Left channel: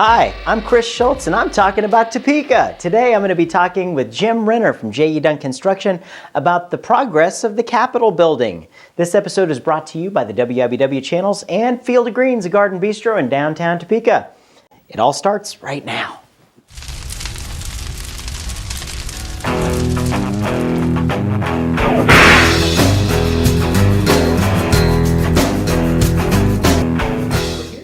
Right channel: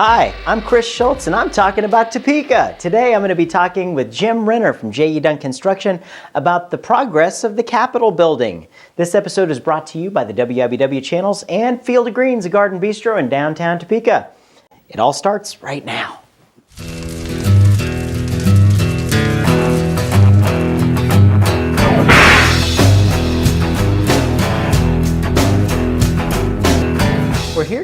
Hi, I'm Chris Schultz and I'm talking about Topeka. Today I'm going to be talking with Jim Rinner from JE Dunn Construction about the progress of the Capitol building. This episode is brought to you by the WIBW channels and Field of Greens, a garden bistro in downtown Topeka. It all starts right now.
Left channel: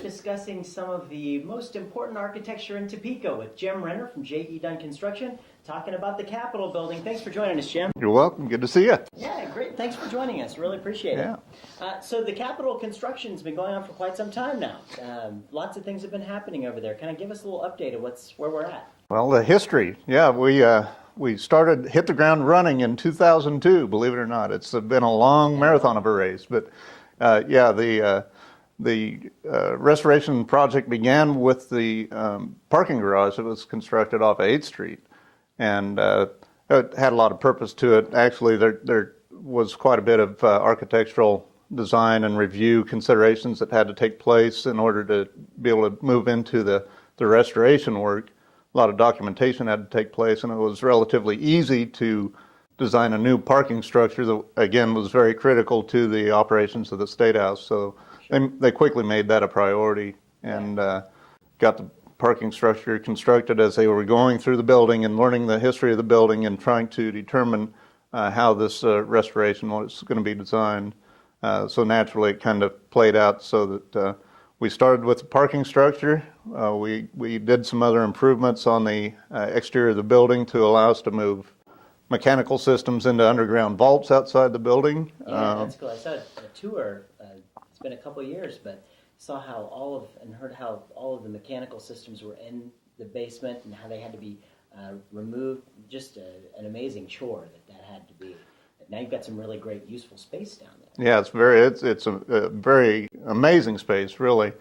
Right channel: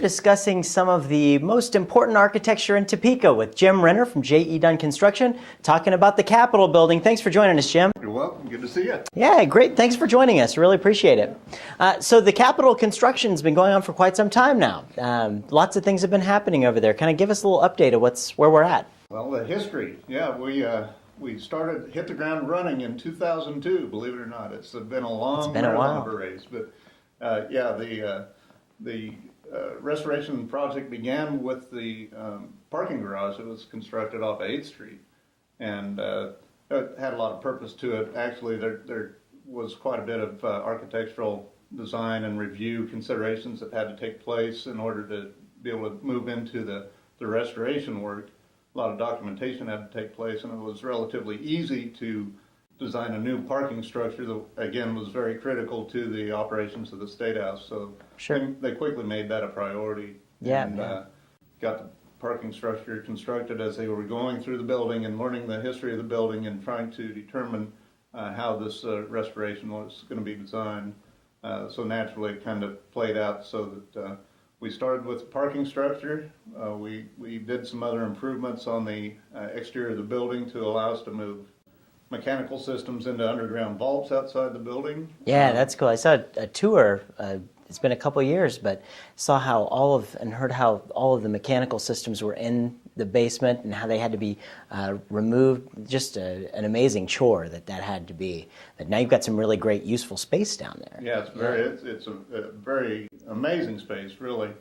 Discussing some of the most important architecture in Topeka with Jim Rinner from JE Dunn Construction, talking about the Capitol building. Thanks for joining us, Jim. You're welcome. Good to see you. Yeah, great. Thanks for joining us. Really appreciate it. So the Capitol construction's been going on for quite some time now. Lots of things have been happening over there. Kind of give us a little update of where we're at. Well, the history. Yeah, we hit the ground running in 2002. Believe it or not, it's been a long marathon of a race. But the restoration project began with the parking garage that was constructed off of 8th Street, and it had a lot of purpose to it. Actually, there was quite a bit of architectural design and review considerations that had to take place in order to be able to move into the restoration work. A lot of documentation had to take place, and it was relatively easy to design a new parking structure that, again, was very critical to the operations of the State House. So they quickly made that a priority and got the parking structure constructed as they were going through the building and learning the history of the building and trying to determine how this restoration was going to be designed. So naturally, it kind of played out so that we started with the parking structure. We did some other improvements on the exterior of the building to allow us to move mechanical systems into underground vaults outside the building. Yeah, that's cool. I saw a tour. It's been a couple of years, but saw heard how all of the mechanical systems were in the basement and how they had to be removed. Just an amazing chore that had to be. But now you've got some really great, useful space down there. Yeah, it's a very amazing space, really.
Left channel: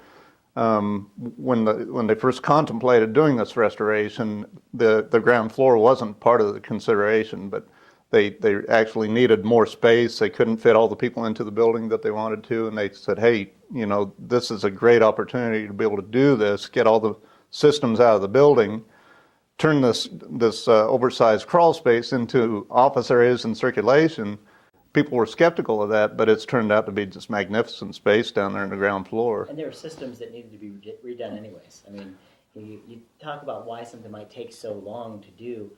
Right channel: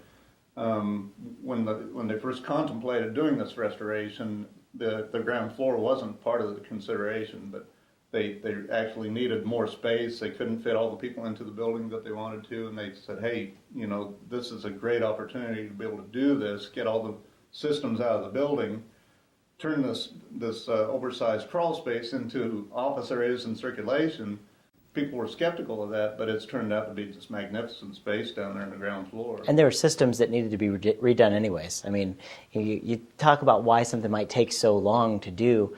When they first contemplated doing this restoration, the ground floor wasn't part of the consideration, but they actually needed more space. They couldn't fit all the people into the building that they wanted to, and they said, hey, this is a great opportunity to be able to do this, get all the systems out of the building, turn this oversized crawl space into office areas and circulation. People were skeptical of that, but it's turned out to be just magnificent space down there in the ground floor. And there were systems that needed to be redone anyways. I mean, you talk about why something might take so long to do.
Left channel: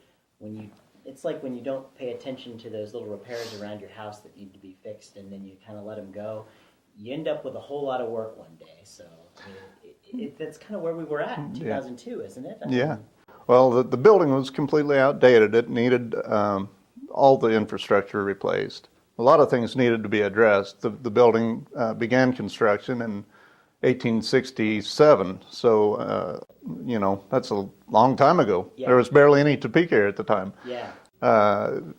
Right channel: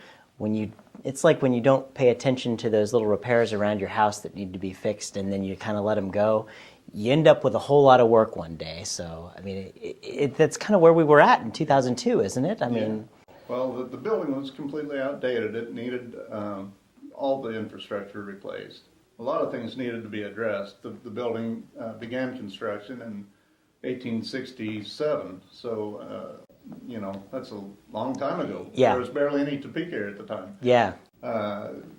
It's like when you don't pay attention to those little repairs around your house that need to be fixed, and then you kind of let them go. You end up with a whole lot of work one day. So, I mean, that's kind of where we were at in 2002, isn't it? I mean, well, the building was completely outdated. It needed all the infrastructure replaced. A lot of things needed to be addressed. The building began construction in 1867, so that's a long time ago. Yeah. There was barely any Topeka here at the time. Yeah.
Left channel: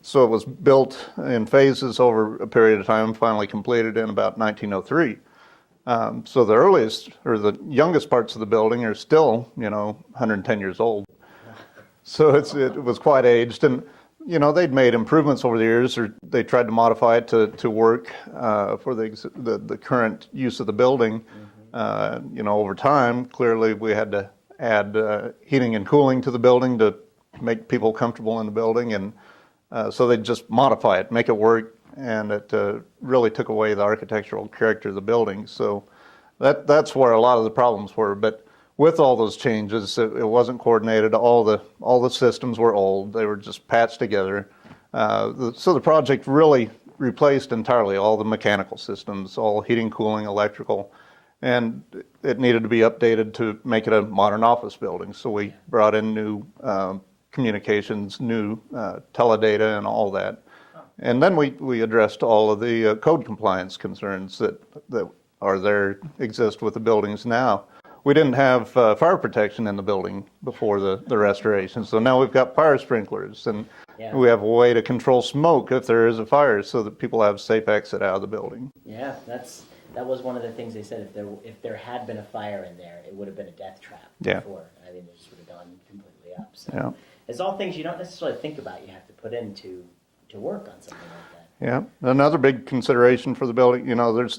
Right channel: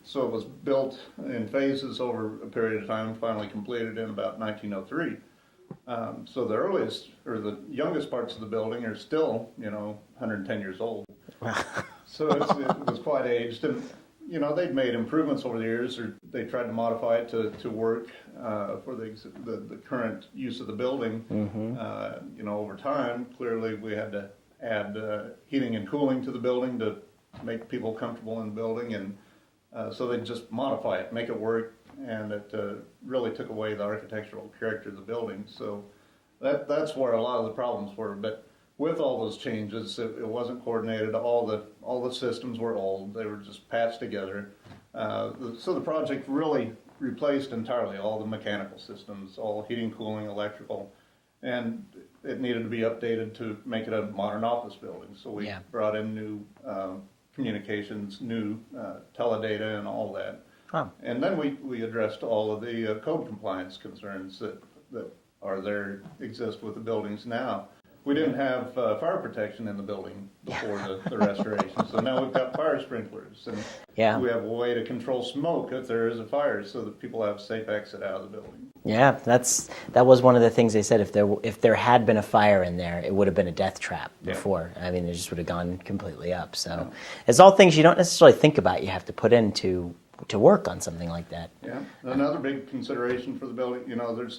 So it was built in phases over a period of time, finally completed in about 1903. So the earliest or the youngest parts of the building are still, 110 years old. So it was quite aged, and they'd made improvements over the years, or they tried to modify it to work for the current use of the building. Mm-hmm. Over time, clearly we had to add heating and cooling to the building to make people comfortable in the building, and so they'd just modify it, make it work, and it really took away the architectural character of the building. So that's where a lot of the problems were. But with all those changes, it wasn't coordinated. All the systems were old. They were just patched together. So the project really replaced entirely all the mechanical systems, all heating, cooling, electrical, and it needed to be updated to make it a modern office building. So we brought in new communications, new teledata, and all that. Huh. And then we addressed all of the code compliance concerns that exist with the buildings now. We didn't have fire protection in the building before the restoration, so now we've got fire sprinklers, and we have a way to control smoke if there is a fire, so that people have safe exit out of the building. Yeah, that was one of the things they said. If there had been a fire in there, it would have been a death trap before. I mean, it just would have gone completely up. So it's all things you don't necessarily think about. You have to put into to work on something like that. Yeah, another big consideration for the building.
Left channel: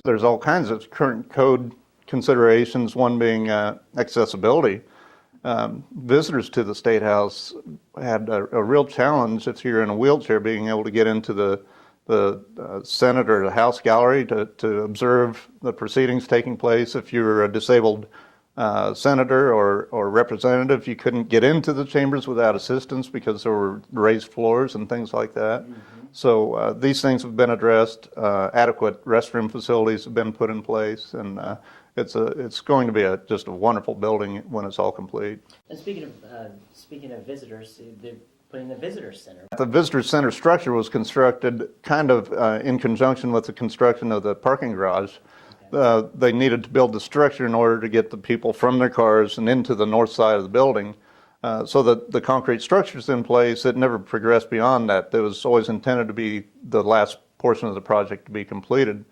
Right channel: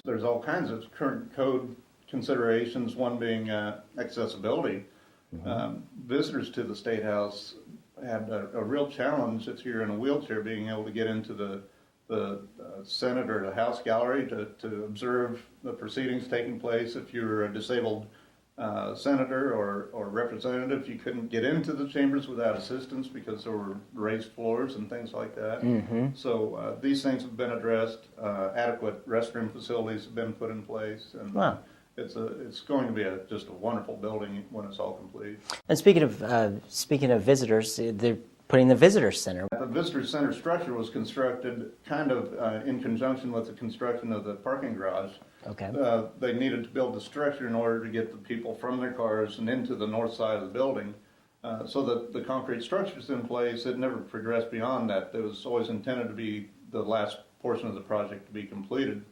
There's all kinds of current code considerations, one being accessibility. Visitors to the State House had a real challenge if you're in a wheelchair being able to get into the Senate or the House gallery to observe the proceedings taking place. If you're a disabled senator or representative, you couldn't get into the chambers without assistance because there were raised floors and things like that. So these things have been addressed. Adequate restroom facilities have been put in place, and it's going to be just a wonderful building when it's all complete. And speaking of visitors, they're putting the visitor center. The visitor center structure was constructed kind of in conjunction with the construction of the parking garage. Okay. They needed to build the structure in order to get the people from their cars and into the north side of the building. So that the concrete structure's in place. It never progressed beyond that. It was always intended to be the last portion of the project to be completed.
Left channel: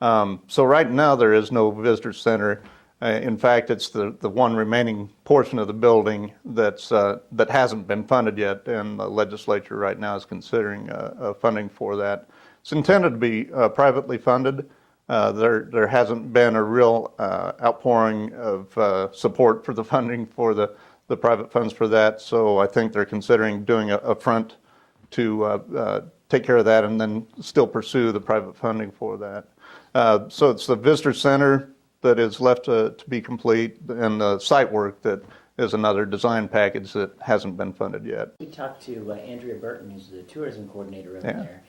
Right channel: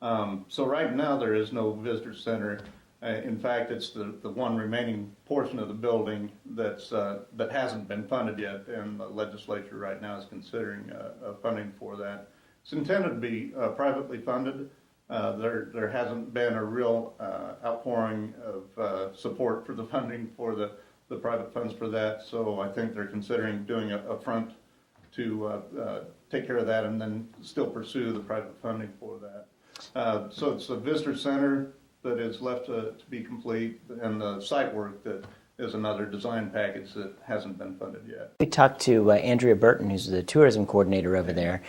So right now there is no visitor center. In fact, it's the one remaining portion of the building that hasn't been funded yet, and the legislature right now is considering funding for that. It's intended to be privately funded. There hasn't been a real outpouring of support for the funding for the private funds for that, so I think they're considering doing a front to take care of that and then still pursue the private funding for that. So it's the visitor center that is left to be complete, and the site work that is another design package that hasn't been funded yet. We talked to Andrea Burton, who's the tourism coordinator over there,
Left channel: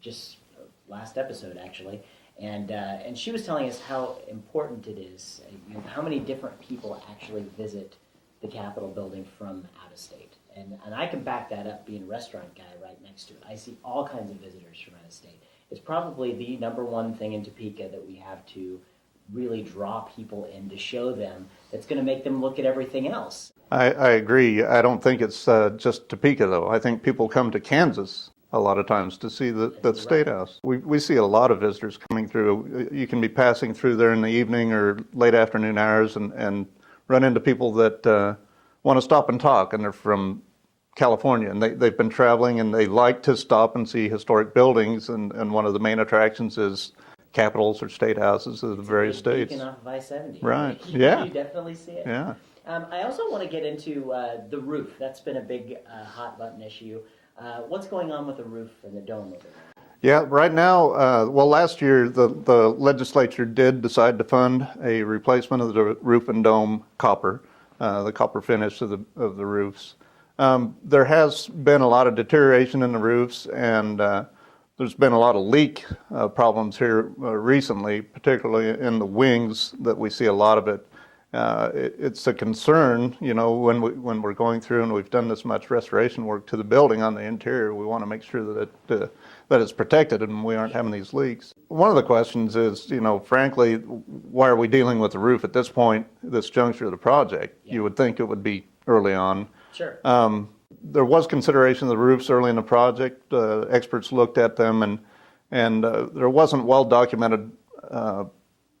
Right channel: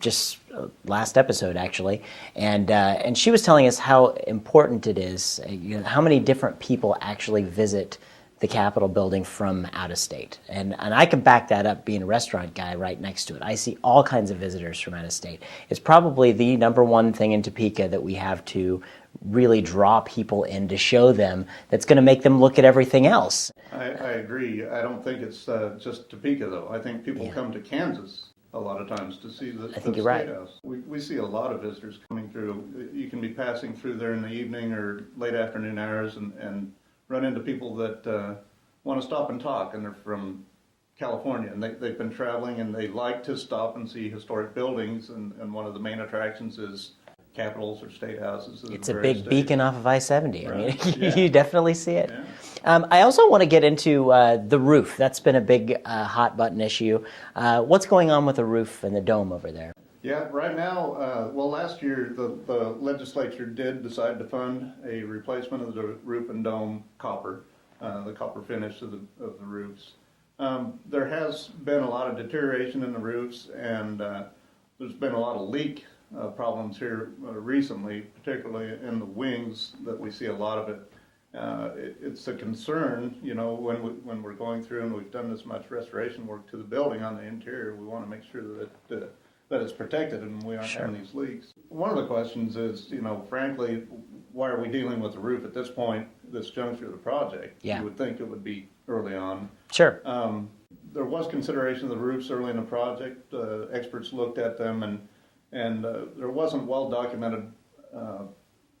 just last episode actually, and she was telling us how important it is, how many different people actually visit the Capitol building from out of state. And I can back that up being a restaurant guy right next to it. I see all kinds of visitors from out of state. It's probably the number one thing in Topeka that we have to really draw people in to show them that's going to make them look at everything else. I agree. I don't think it's just Topeka, though. I think people come to Kansas a lot of times to see the State House. We see a lot of visitors coming through. You can be passing through there in the evening or late afternoon hours and run into people that want to stop and talk, and they're from California, and they've been traveling, and they like to stop and see historic buildings, and one of the main attractions is capitals or state houses of the various states. It's a big beacon off of I-70. Right. You definitely see it. Yeah. I also want to get into the roof. That's been a big hot button issue. What's going on with the roof and the dome over there? Yeah, right now, well, last year the legislature did decide to fund a replacement of the roof and dome copper, the copper finish of the roofs. There has been a lot of deterioration in the roofs, and there's been a lot of leak problems here recently, particularly in the wings that we see a lot of it. It's a concern, when we're going through and we've done this much restoration work to the building on the interior, we want to make sure that it's protected and we aren't having these leaks. One of the questions is, frankly, why are we dealing with the roof at this point, this juncture of the project? Yeah. You would think it would be early on. Sure. There was consideration of the roofs early in the project. Experts looked at them, and there wasn't well-documented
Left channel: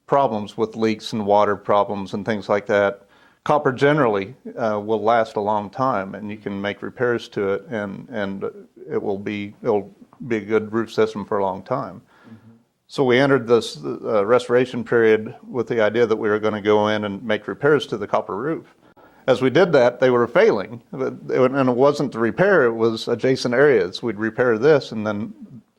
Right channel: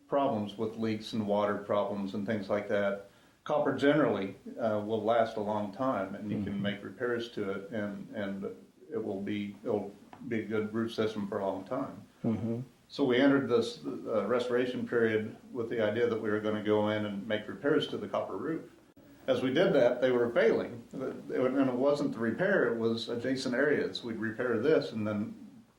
problems with leaks and water problems and things like that. Copper generally will last a long time, and you can make repairs to it, and it'll be a good roof system for a long time. So we entered this restoration period with the idea that we were going to go in and make repairs to the copper roof. As we did that, they were failing, and it wasn't the repair, it was adjacent areas. We'd repair this, and then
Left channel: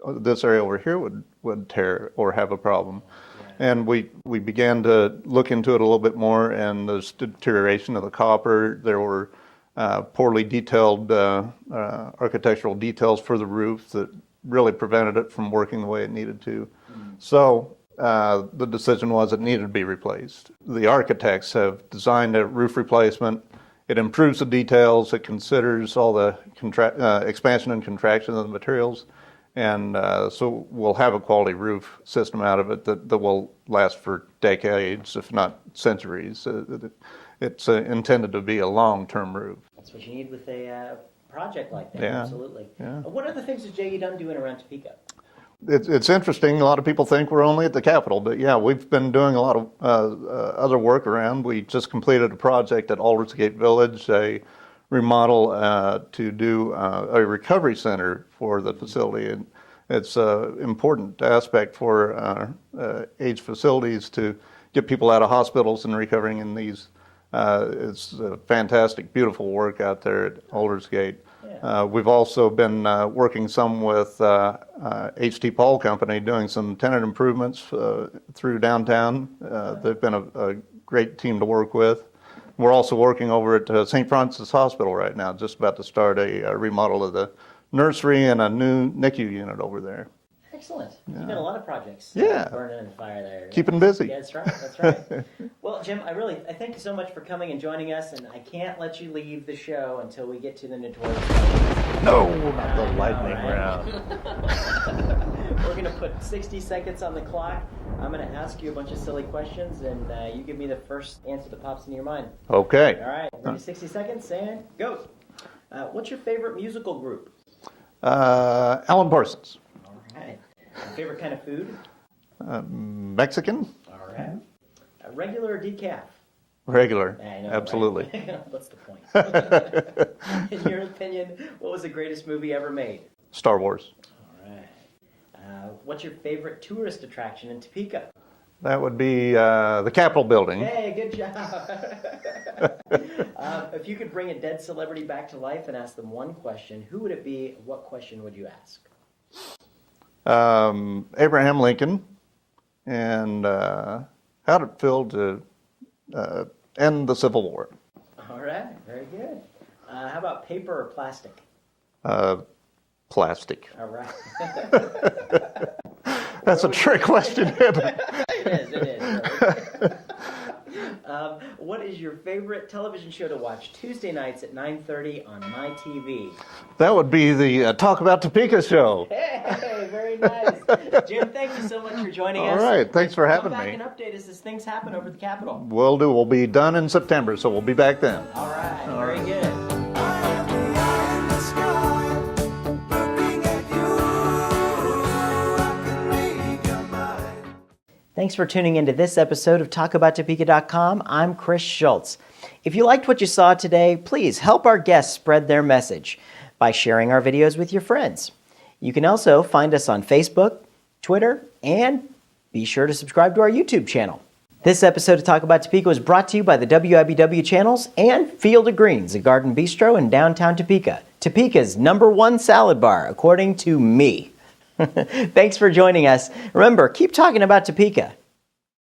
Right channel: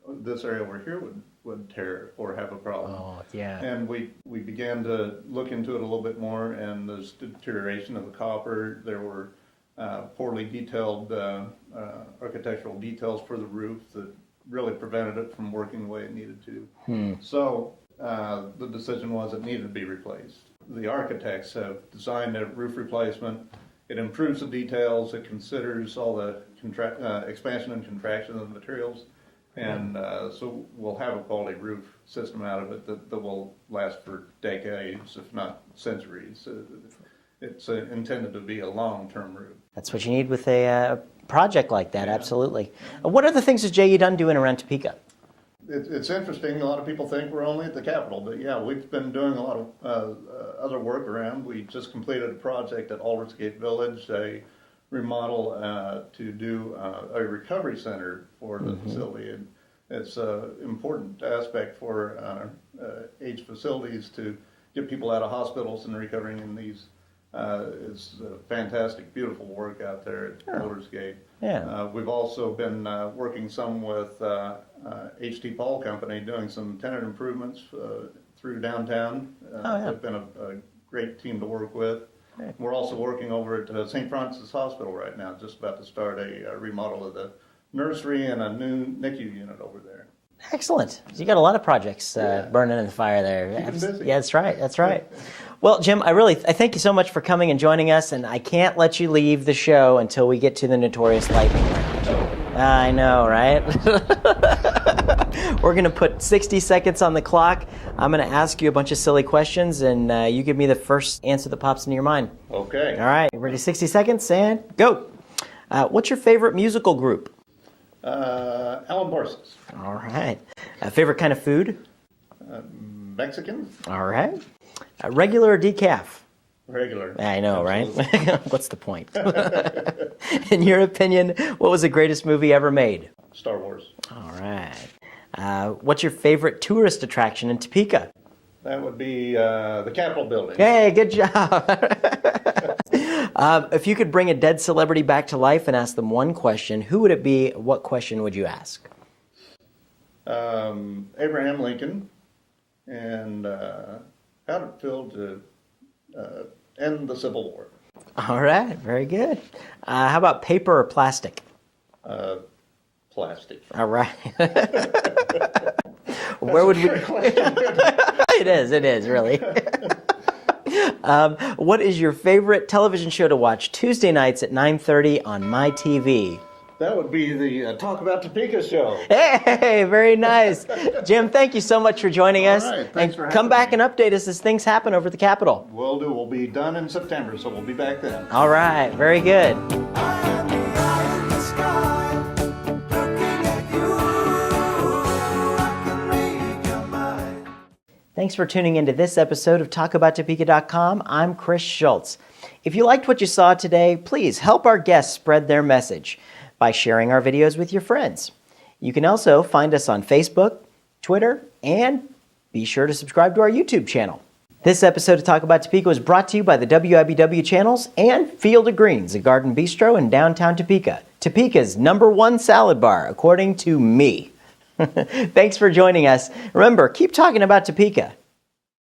this area over here would tear or have a problem. Oh, yeah. And we began to look into it a little bit more, and there's deterioration of the copper. There were poorly detailed architectural details for the roof that really prevented it from working the way it needed to. So the decision was it needed to be replaced. The architects have designed a roof replacement. It improves the details. It considers all the expansion and contraction of the materials. And so we'll have a quality roof system out of it that will last for decades, if not centuries. It's intended to be a long-term roof. That's what you need with a project like that, Yeah. Absolutely. Yeah. What other things is JE Dunn doing around Topeka? It's interesting. A lot of people think we're only at the Capitol, but yeah, we've been doing a lot of other work around. We just completed a project at Aldersgate Village, a remodel to do a recovery center for the facility. And it's an important aspect for aged facilities to get people out of hospitals and recovering in these It's a fantastic, beautiful work out there at Aldersgate. Yeah. We've also been working some with H.T. Paul Company, doing some tenant improvements through downtown. They've been a great team to work with. We're also working over at St. Francis Hospital right now, just about to start a remodel of the nursery and a new NICU unit over there. Excellent. So you got a lot of projects burning in the fire there. Keeping busy. Yeah, that's right. That's right. Well, Jim, I thank you so much for coming and joining us, and I can't let you leave the show until we get to the notorious lightning. Oh, I know, right? We're going to put 60 seconds on the clock. I'm going to ask you a bunch of silly questions, and you give me the first answer that pops into your mind. Okay. All right. Ready? 60 seconds, and go. What's your favorite musical group? Alan Parsons. All right. Favorite kind of food? Mexican? All right. Regular or decaf? Regular. I know, Absolutely. right? What's the point? In your opinion, what was the greatest movie ever made? Star Wars. All right. What's your favorite tourist attraction in Topeka? That would be the Capitol building. Hey, good job. If you could bring a dead celebrity back to life and ask them one question, who would it be? What question would you ask? Abraham Lincoln, and how did it feel to end the Civil War? All right, very good. How about paper or plastic? Plastic. All right. That's a trick question. It is, really. What is your favorite television show to watch Tuesday nights at 9:30 on My TV? That would be the Talk About Topeka show. Hey, very nice. Jim, thank you so much for joining us. All right, thanks for having me. Come back and update us as things happen over at the Capitol. Will do. We'll be done in September, so we'll be back then. All right, very good. I am the eye in the sky, looking at you. I can read your mind. Thanks for tuning into this episode of TalkAboutTopeka.com. I'm Chris Schultz. If you liked what you saw today, please help our guests spread their message by sharing our videos with your friends. You can also find us on Facebook, Twitter, and be sure to subscribe to our YouTube channel. This episode of Talk About Topeka was brought to you by the WIBW channels and Field of Greens, a garden bistro in downtown Topeka. Topeka's #1 salad bar, according to me. Thanks for joining us. Remember, keep talking about Topeka.